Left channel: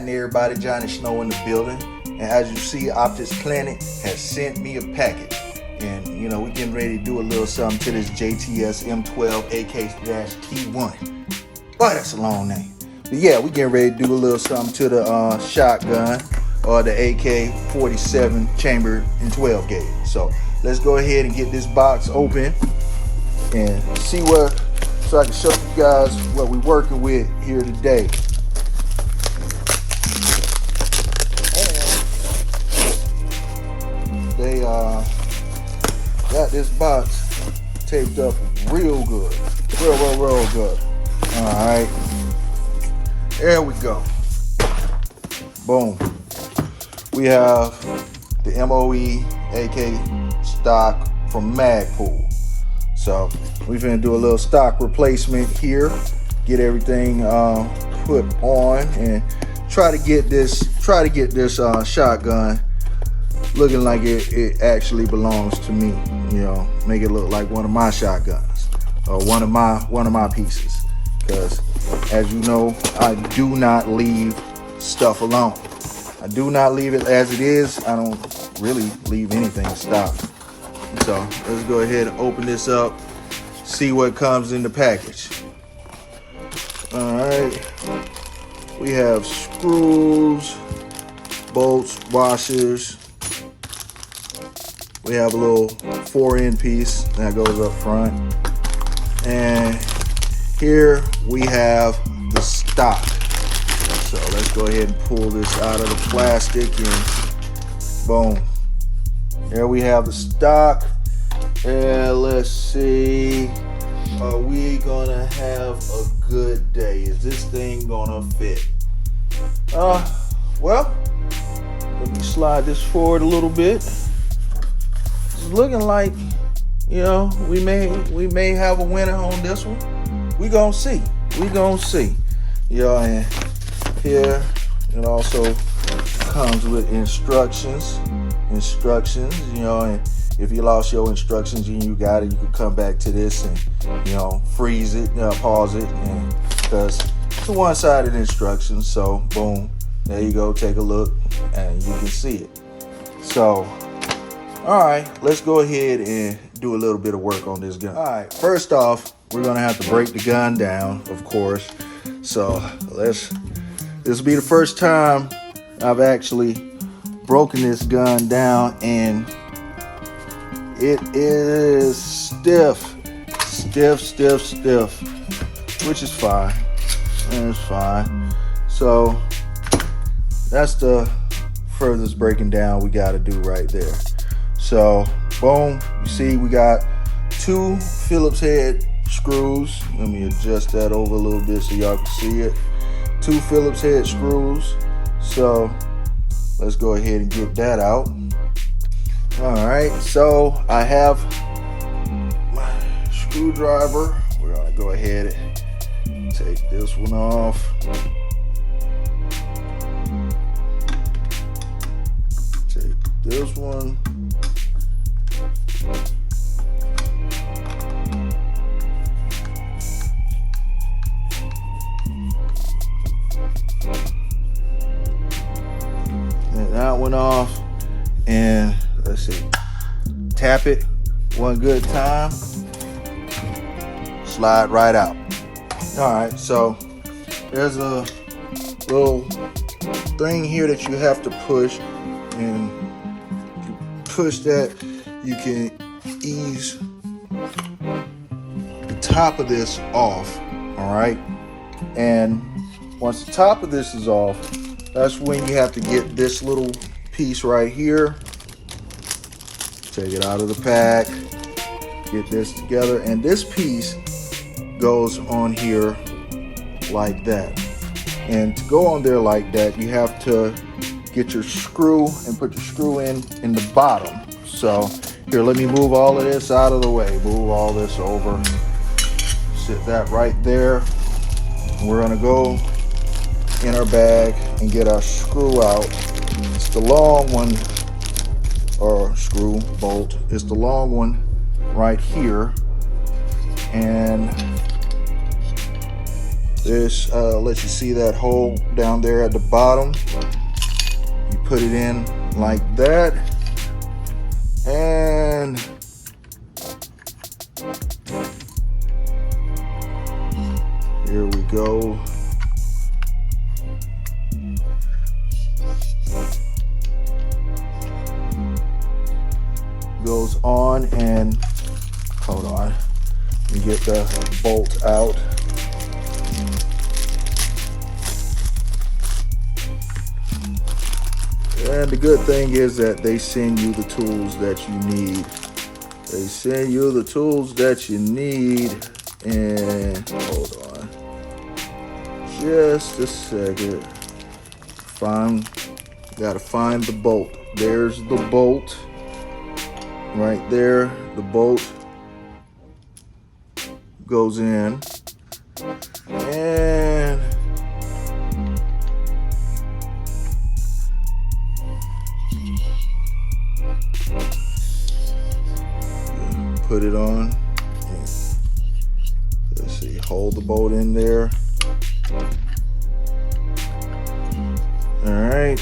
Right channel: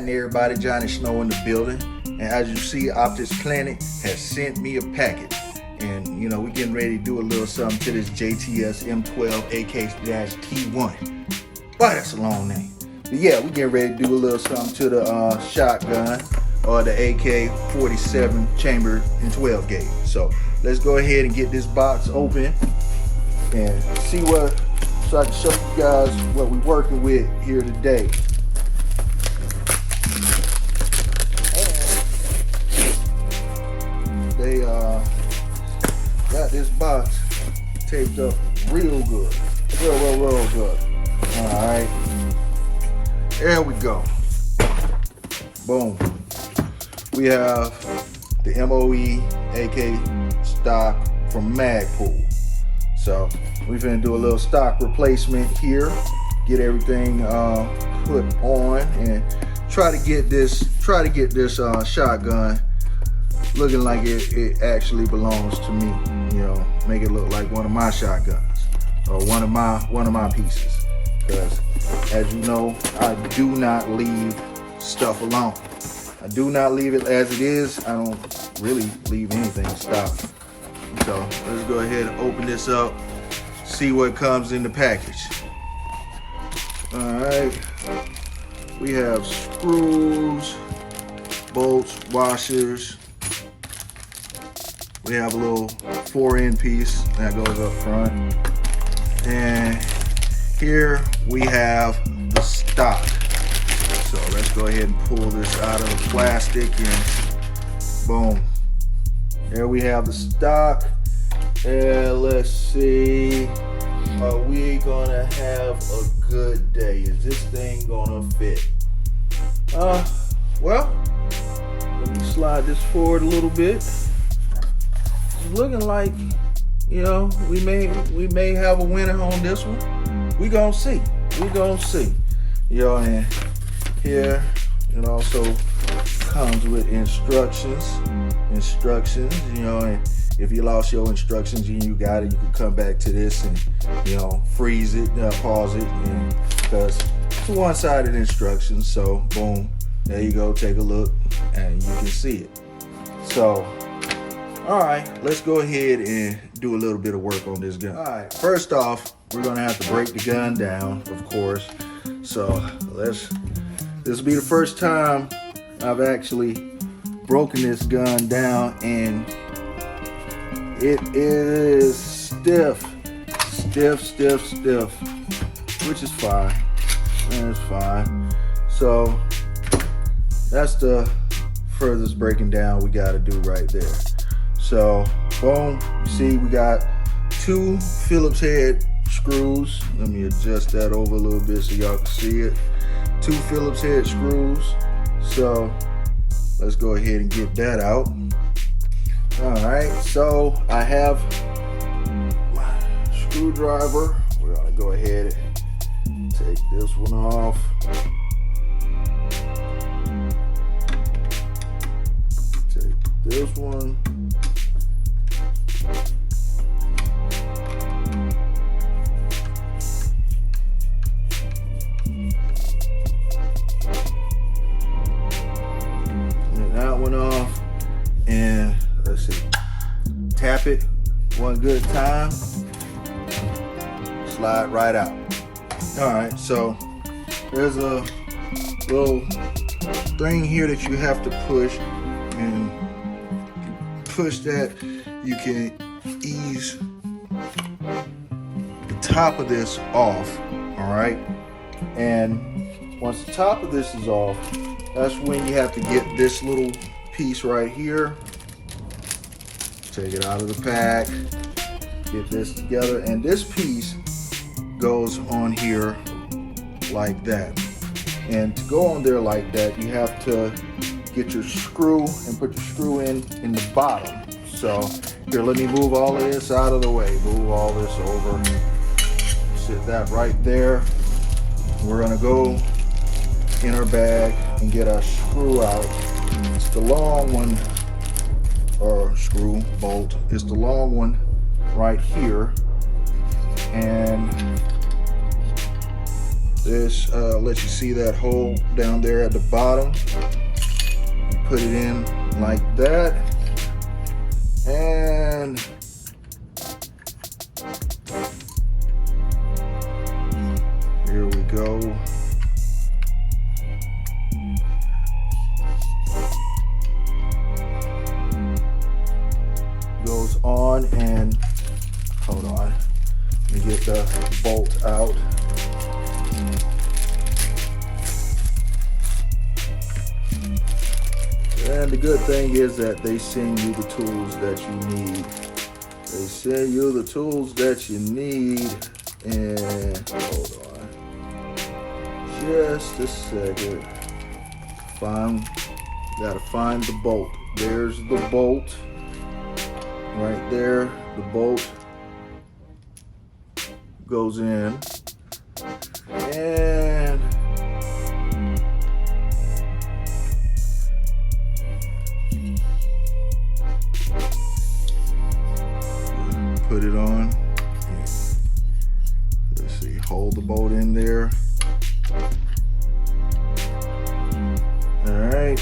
happening, everybody? Johnny Snow in the building. And as you see, Optics Planet has sent me a package. And you know, we're getting ready to do a little something to this JTS M12AK-T1. Boy, that's a long name. But yeah, we're getting ready to do a little something to the shotgun, or the AK-47 chamber in 12 gauge. So let's go ahead and get this box open and see what, so I can show you guys what we're working with here today. They got this box taped up real good, real good. All right, there we go. Boom. We have the MOE AK stock from Magpul. So we're gonna do a little stock replacement here, get everything put on, and try to get this shotgun looking like it actually belongs to me. You know, make it look like one of my shotguns or one of my pieces. Because as you know, I do not leave stuff alone. I do not leave it as it is. I don't really leave anything in stock. So let's go ahead and open this up, see what comes in the package. All right, we have screws, bolts, washers. We have a little 4-end piece that goes up front. And here we have the stock. So let's go ahead and pull this out of the plastic and boom. There we have the stock. And let's see, are we gonna have a good day? Is this thing gonna fit? Well, let me slide this forward a little bit. It's looking like, you know, we may have a winner on this one. We gonna see. You know, and here it also comes with instructions. You know, and if you lost your instructions and you got it, you can come back to this and, you know, freeze it, pause it, and because it's a one-sided instructions. So boom, there you go. Take a look, and you can see it. So, all right, let's go ahead and do a little bit of work on this gun. All right, first off, we're gonna have to break the gun down, of course. So this will be the first time I've actually broken this gun down, and it is stiff, which is fine. It's fine. So that's the furthest breaking down we got to do right there. So boom, you see we got 2 Phillips head screws. Let me adjust that over a little bit so y'all can see it. 2 Phillips head screws. So let's go ahead and get that out. All right, so I have my screwdriver. We're gonna go ahead and take this one off. Take this one. That one off, and let's see, tap it one good time, slide right out. All right, so there's a little thing here that you have to push, and push that, you can ease the top of this off. All right, and once the top of this is off, that's when you have to get this little piece right here. Take it out of the pack, get this together, and this piece goes on here like that. And to go on there like that, you have to get your screw and put your screw in the bottom. So here, let me move all of this out of the way. Move all this over. Sit that right there. We're gonna go in our bag and get our screw out. It's the long one, or screw, bolt. It's the long one right here. And This lets you see that hole down there at the bottom. You put it in like that, and here we go. Goes on, and hold on, let me get the bolt out. And the good thing is that they send you the tools that you need. They send you the tools that you need. And hold on just a second. Gotta find the bolt. There's the bolt right there. The bolt goes in, and put it on. Let's see, hold the bolt in there. All right.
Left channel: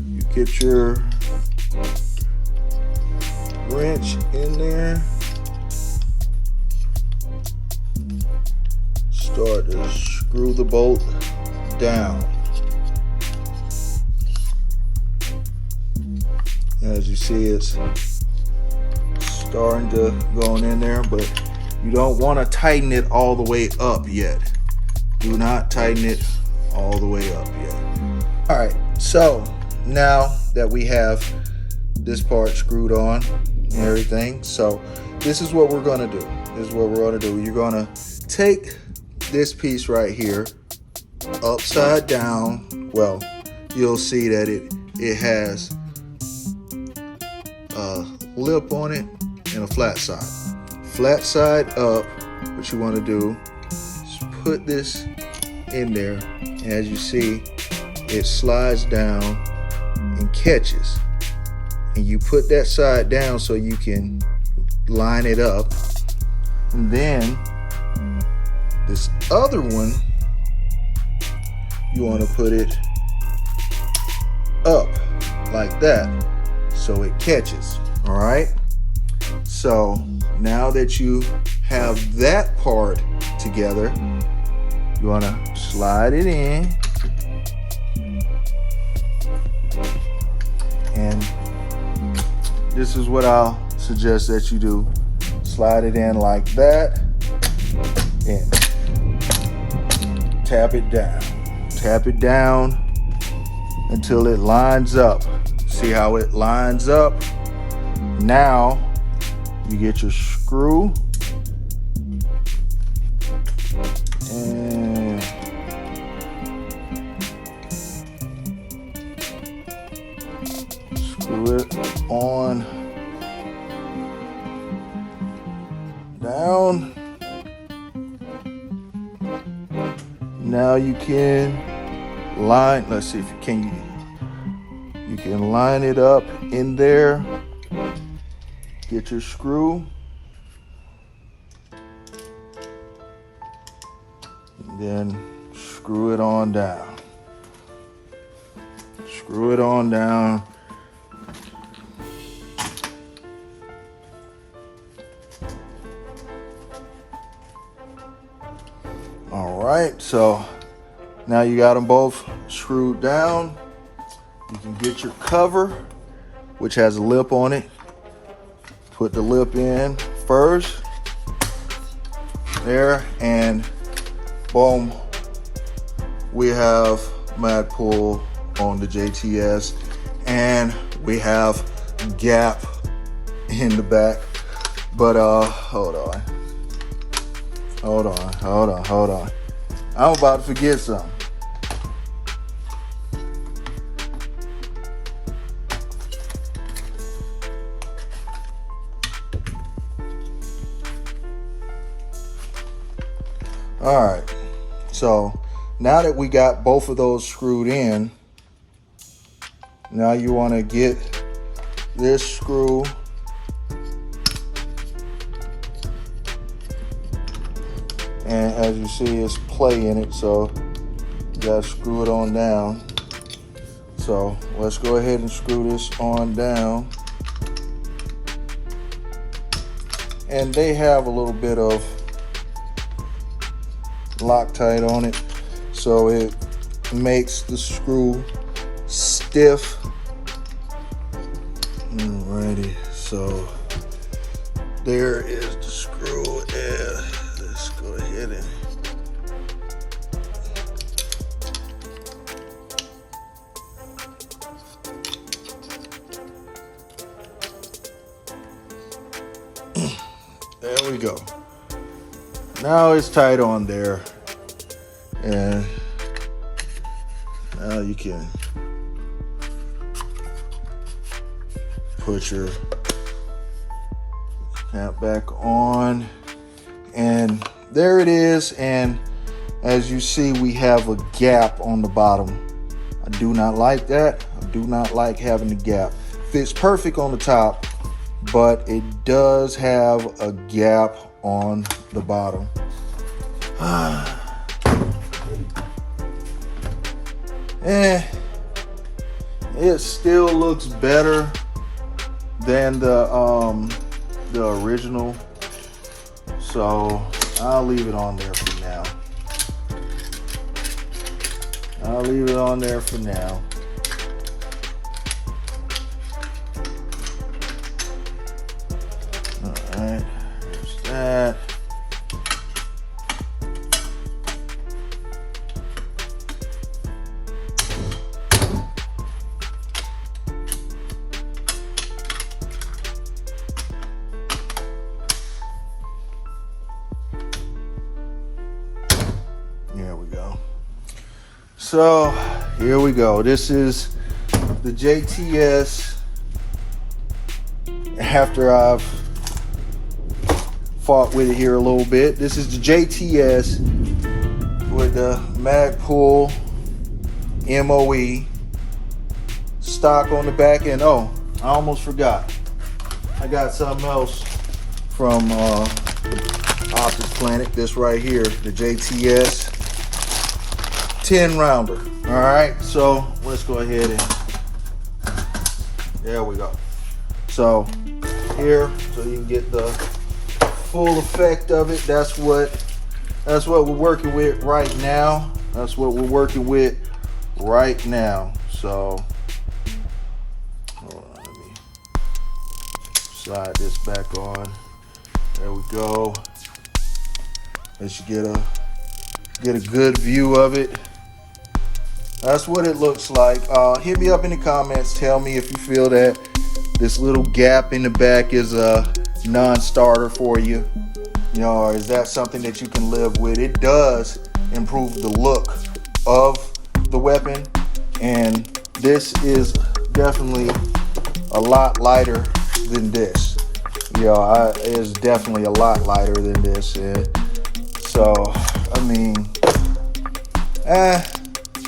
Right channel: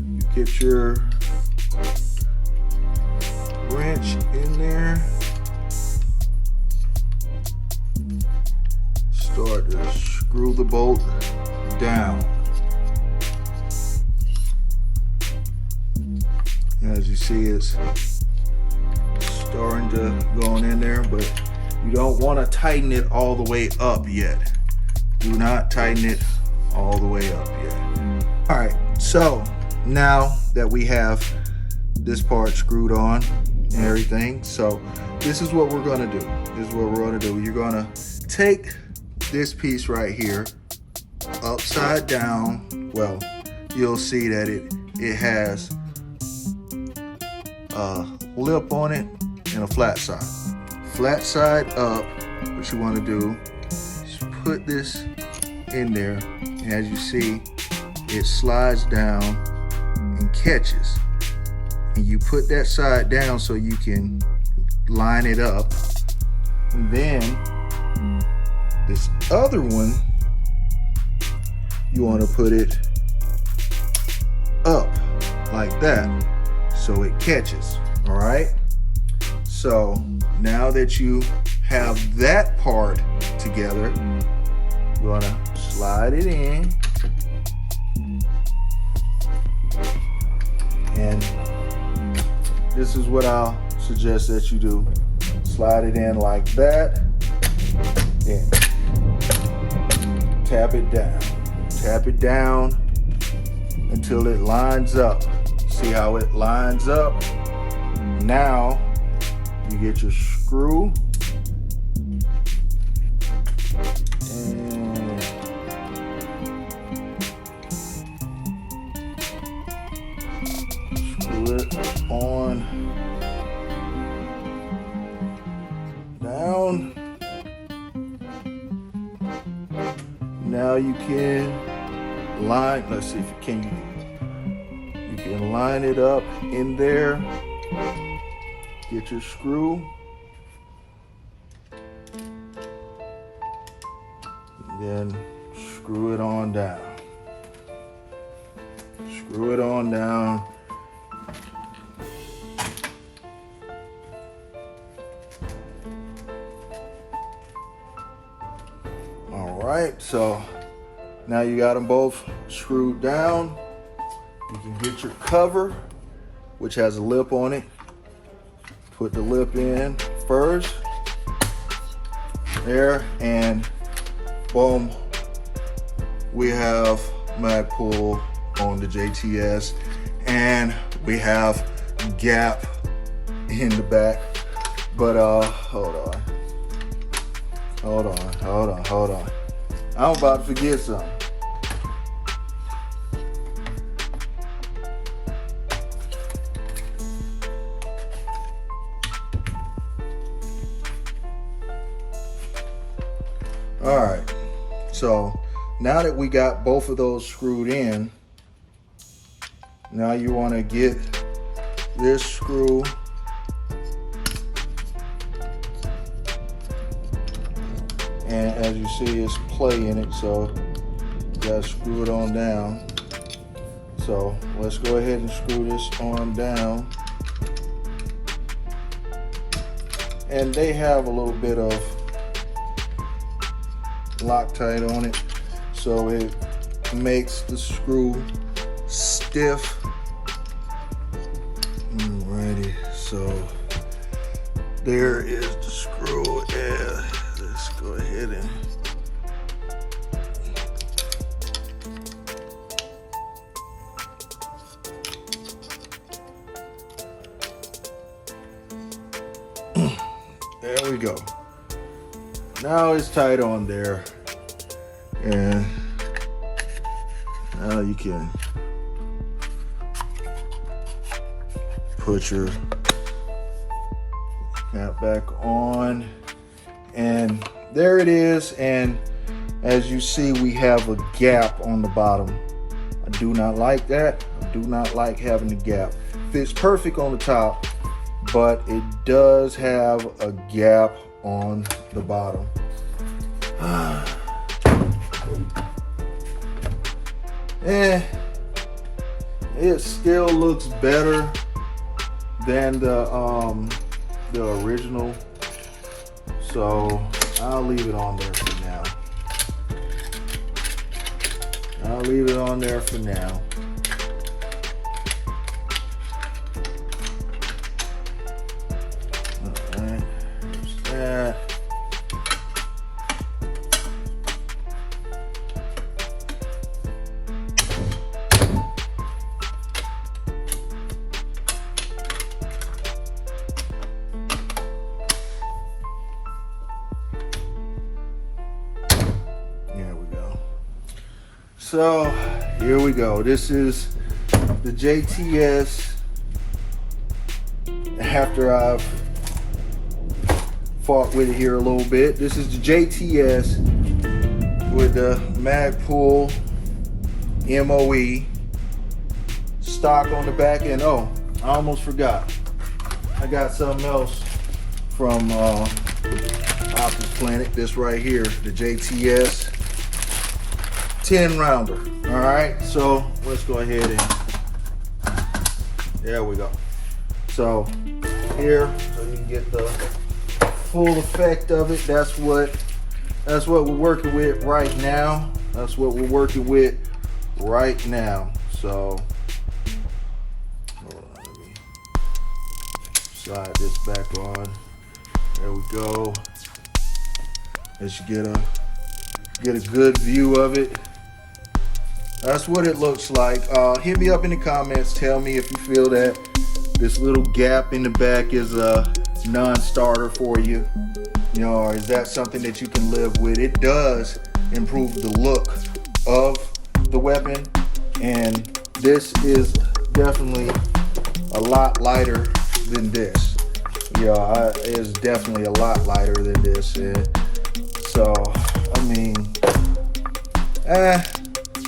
You get your wrench in there. Start to screw the bolt down. As you see, it's starting to go in there, but you don't want to tighten it all the way up yet. Do not tighten it all the way up yet. All right, so now that we have this part screwed on and everything, so this is what we're gonna do. You're gonna take this piece right here upside down. Well, you'll see that it has a lip on it and a flat side. Flat side up, what you want to do is put this in there, and as you see, it slides down and catches. And you put that side down so you can line it up. And then this other one, you want to put it up like that so it catches. All right, so now that you have that part together, you want to slide it in, and this is what I'll suggest that you do. Slide it in like that, and tap it down until it lines up. See how it lines up? Now you get your screw and screw it on down. Now you can line, let's see if you can line it up in there. Get your screw, and then screw it on down. Screw it on down. All right, so now you got them both screwed down. You can get your cover, which has a lip on it. Put the lip in first, there, and boom, we have Magpul on the JTS, and we have gap in the back. But hold on. I'm about to forget something. All right, so now that we got both of those screwed in, now you want to get this screw And as you see, it's play in it, so you gotta screw it on down. So let's go ahead and screw this on down. And they have a little bit of Loctite on it, so it makes the screw stiff. Alrighty, so there is the screw, and let's go ahead and there we go. Now it's tight on there, and now you can put your cap back on, and there it is. And as you see, we have a gap on the bottom. I do not like that. I do not like having the gap. Fits perfect on the top, but it does have a gap on the bottom. And it still looks better than the original, so I'll leave it on there for now. I'll leave it on there for now. All right, there's that. So here we go. This is the JTS. After I've fought with it here a little bit, this is the JTS with the Magpul MOE stock on the back end. Oh, I almost forgot. I got something else from Optics Planet. This right here, the JTS 10 rounder. All right, so let's go ahead and there we go. So here, so you can get the full effect of it. That's what we're working with right now. That's what we're working with right now. So hold on, let me slide this back on. There we go. Let's get a good view of it. That's what it looks like. Hit me up in the comments. Tell me if you feel that this little gap in the back is a non-starter for you. You know, or is that something that you can live with? It does improve the look of the weapon, and this is definitely a lot lighter than this. You know, it's definitely a lot lighter than this. So, I mean,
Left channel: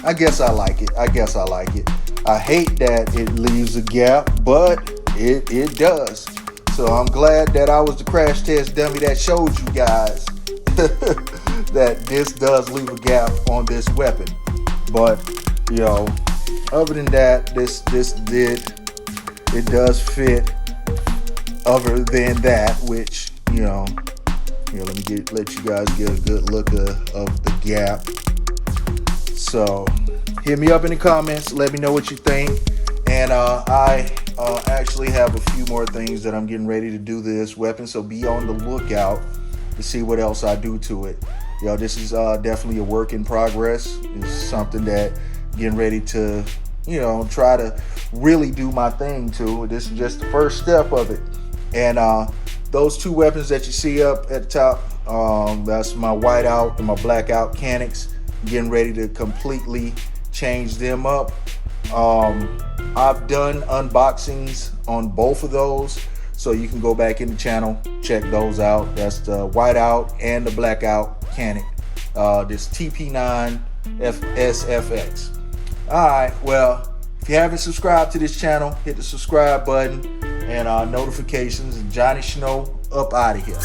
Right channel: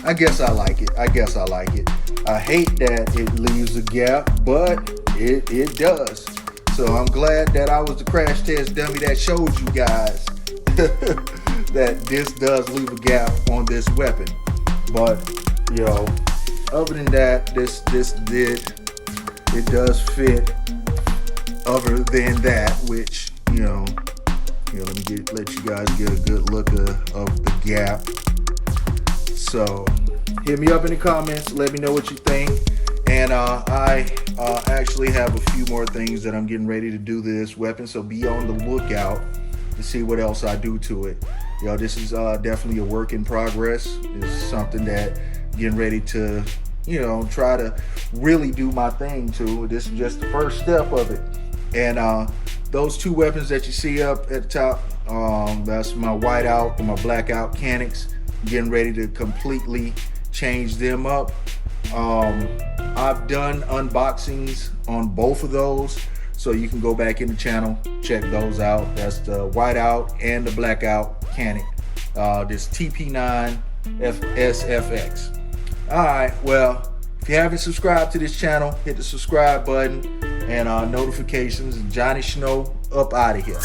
I guess I like it. I hate that it leaves a gap, but it does. So I'm glad that I was the crash test dummy that showed you guys that this does leave a gap on this weapon. But, you know, other than that, it does fit. Other than that, which, you know, let you guys get a good look of the gap. So hit me up in the comments, let me know what you think. And I actually have a few more things that I'm getting ready to do to this weapon, so be on the lookout to see what else I do to it. You know, this is definitely a work in progress. It's something that I'm getting ready to, you know, try to really do my thing to. This is just the first step of it. And those two weapons that you see up at the top, that's my whiteout and my blackout Canics. Getting ready to completely change them up. I've done unboxings on both of those, so you can go back in the channel, check those out. That's the whiteout and the blackout Canic. This TP9 SFX. All right, well, if you haven't subscribed to this channel, hit the subscribe button and notifications. Johnny Snow up out of here.